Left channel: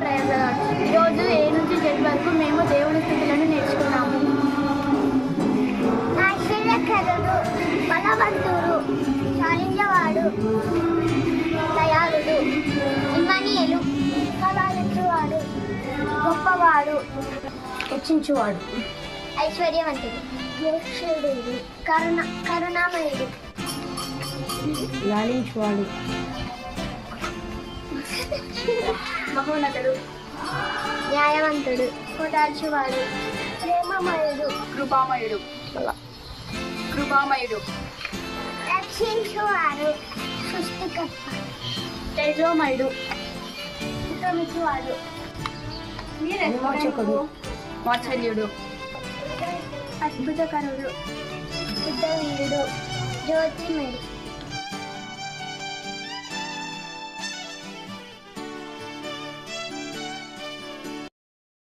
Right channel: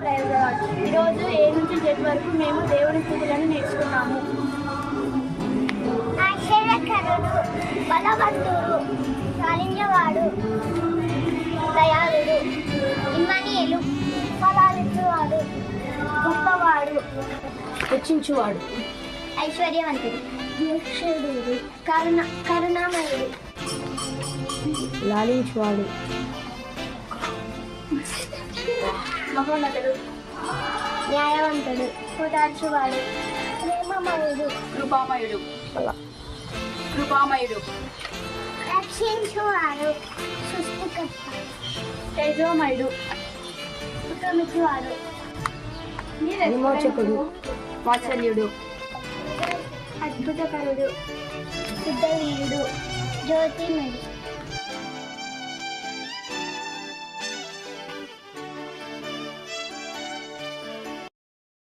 ఈరోజు ఏ నుంచి జెడ్ వరకు మేము దేవుని స్థితులను నేర్చుకున్నాము. ఆశ్చర్యకరుడు, బలవంతుడు, చాలించేవాడు, దయాళుడు, ఇమ్మనీయులు, ఫలాలిచ్చువాడు, గొప్పవాడు, రక్షించువాడు, ఐశ్వర్యవంతుడు, నిరీక్షుడు, కరుణామయుడు, లాలించువాడు, మహోన్నతుడు, న్యాయవంతుడు, ఓదార్చువాడు, ప్రేమమయుడు, కృపామయుడు, రక్షించువాడు, సృష్టికర్త, తేజోమయుడు, ఉత్తమించువాడు, విమోచకుడు, వాత్సల్యుడు, అద్భుతకరుడు, యుద్ధవీరుడు, జ్యోతిమయుడు.